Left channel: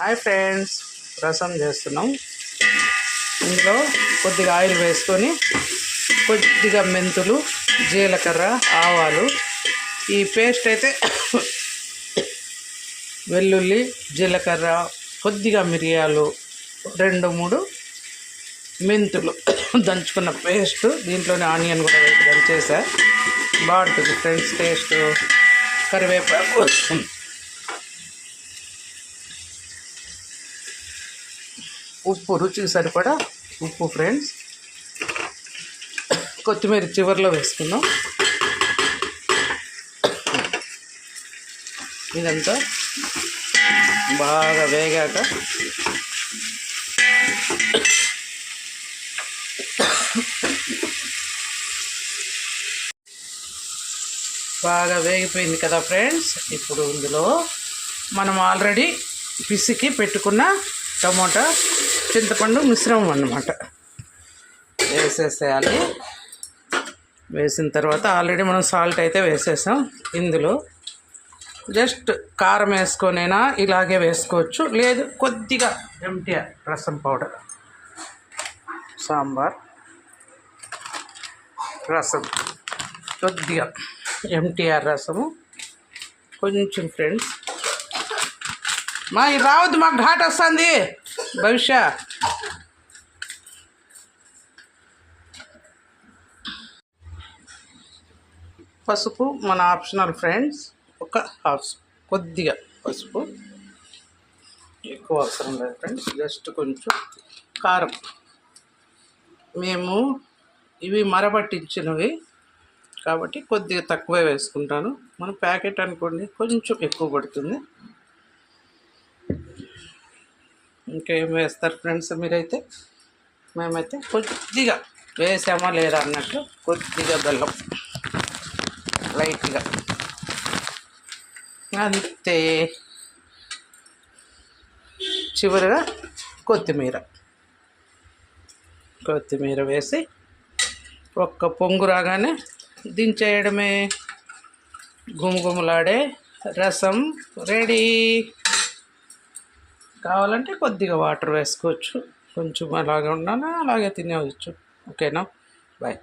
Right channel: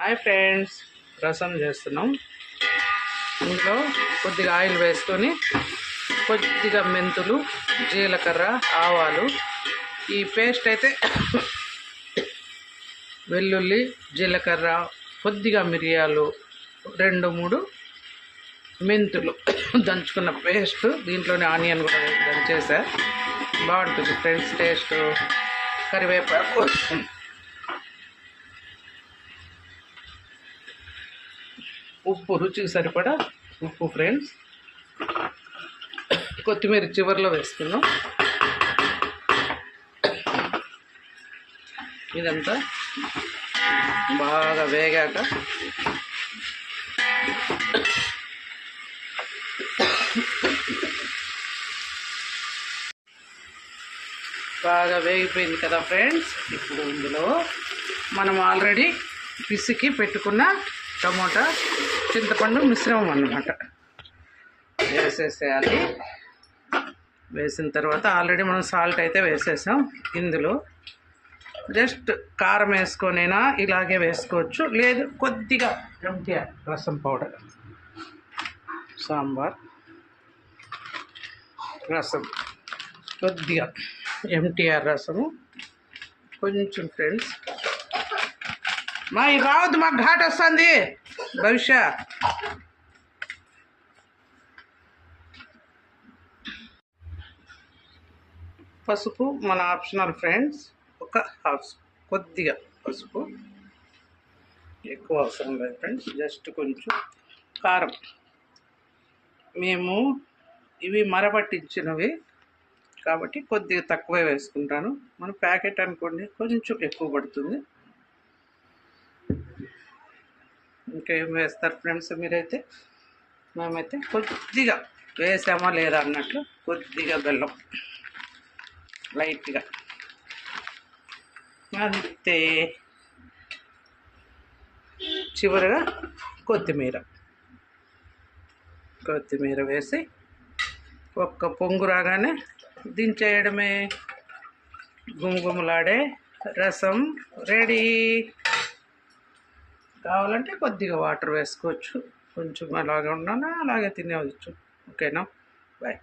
Hi friends, రసం చేస్తున్నాం. ఇందులో కొద్దిగా ఆయిల్ వేసుకొని కొద్దిగా మెంతులు, జీలకర్ర, ఆవాలు, ఈ పేస్ట్ అయితే వెల్లుల్లి, జీలకర్ర, కొద్దిగా మిరియాలు, 2-3 మెంతులు దంచుకున్న పేస్ట్. దీంట్లోనే ఆనియన్ కూడా వేసి దంచేసా. బాగుంటుంది ఫ్రెండ్స్ టేస్ట్. కరివేపాకు, ఉప్పు, రుచికి సరిపడా ఉప్పు ఫ్రెండ్స్. కొత్తిమీర చివరిలో వేసుకుందాం. ఇదంతా బాగా వేగాక బాగా వేగిపోయింది కదా ఫ్రెండ్స్. ఇప్పుడు ఇందులో మనం ఆల్రెడీ పిసికి పెట్టుకున్న టమోటా, చింతపండు మిశ్రమం అన్నమాట వేసేసేయాలి. వేసిన తర్వాత ఆల్రెడీ మనం సాల్ట్ అయితే వేసేసాం. ఇందులో జస్ట్ కారం వేసుకొనైనా ఇలాగే వేసుకోవచ్చు, లేదు కొద్దిగా ఎంటీఆర్ రసం పౌడర్, సాంబార్ రసం, కొద్దిగా ఎంటీఆర్ రసము కొంచెం ఫ్రెండ్స్. మా ఇది రావద్దు, మాకు ఘాట్ వస్తుంది భవిష్య. పసుపు మన ఆప్షనల్ ఫ్రెండ్స్, ఒక హాఫ్ కొద్దిగా పసుపు, ఎక్కువ అవసరం లేదు ఫ్రెండ్స్. జస్ట్ కొంచెం కారం, మేము ఇవి మరబట్టించినవి కాబట్టి కొద్దిగా తక్కువే వేసుకుంటాను. మన ప్యాకెట్ అనుకోండి కొంచెం ఎక్కువ పడుతుంది. ఇంకేం వేస్తారు ఫ్రెండ్స్ మీరైతే? మేమైతే కొద్దిగా వేసామా లేదా అన్నట్లు కొద్దిగా బెల్లం లైట్గా, అంతే. చివరిగా కొత్తిమీర వేసి ఒక్క పొంగు రాగానే దించేయడమే. గుమగుమలాడే రసం రెడీ. కావాలంటే కొద్దిగా వాటర్ వేసుకోవచ్చు. కొంచెం అలాగే ఉన్నాను, అలాగే తినేవచ్చు. ఓకేనా? బాయ్.